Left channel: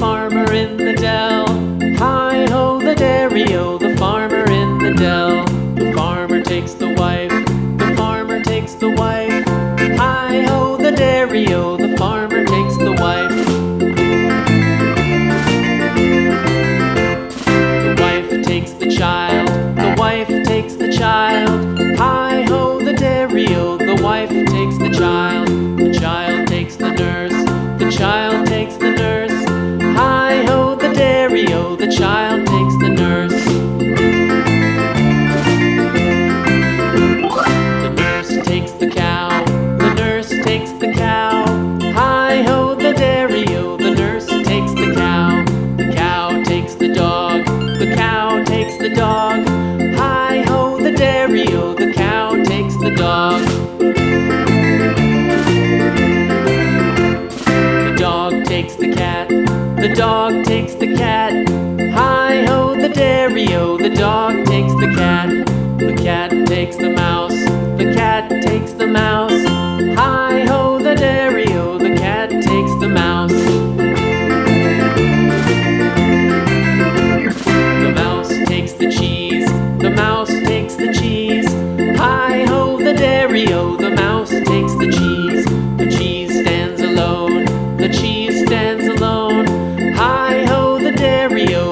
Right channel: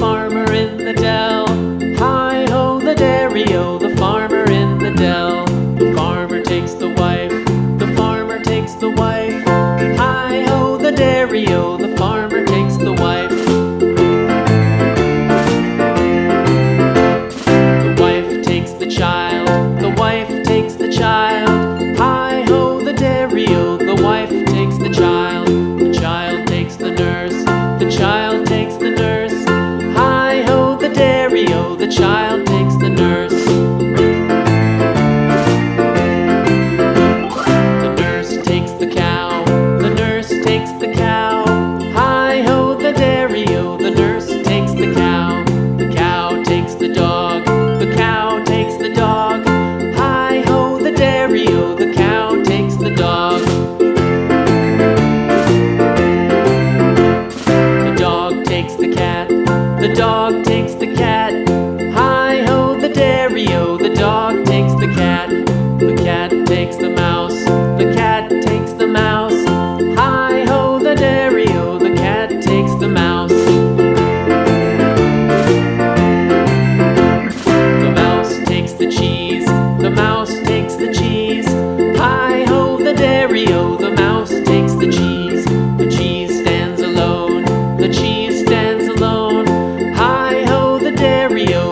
farmer in the dell. Hi-ho, the dairy-o, the farmer in the dell. The farmer takes the wife, the farmer takes the wife. Hi-ho, the dairy-o, the farmer takes the wife. The wife takes the child, the wife takes the child. Hi-ho, the dairy-o, the wife takes the child. The child takes the nurse, the child takes the nurse. Hi-ho, the dairy-o, the child takes the nurse. The nurse takes the cow, the nurse takes the cow. Hi-ho, the dairy-o, the nurse takes the cow. The cow takes the dog, the cow takes the dog. Hi-ho, the dairy-o, the cow takes the dog. The dog takes the cat, the dog takes the cat. Hi-ho, the dairy-o, the dog takes the cat. The cat takes the mouse, the cat takes the mouse. Hi-ho, the dairy-o, the cat takes the mouse. The mouse takes the cheese, the mouse takes the cheese. Hi-ho, the dairy-o, the mouse takes the cheese. The cheese stands alone, the cheese stands alone. Hi-ho, the dairy-o,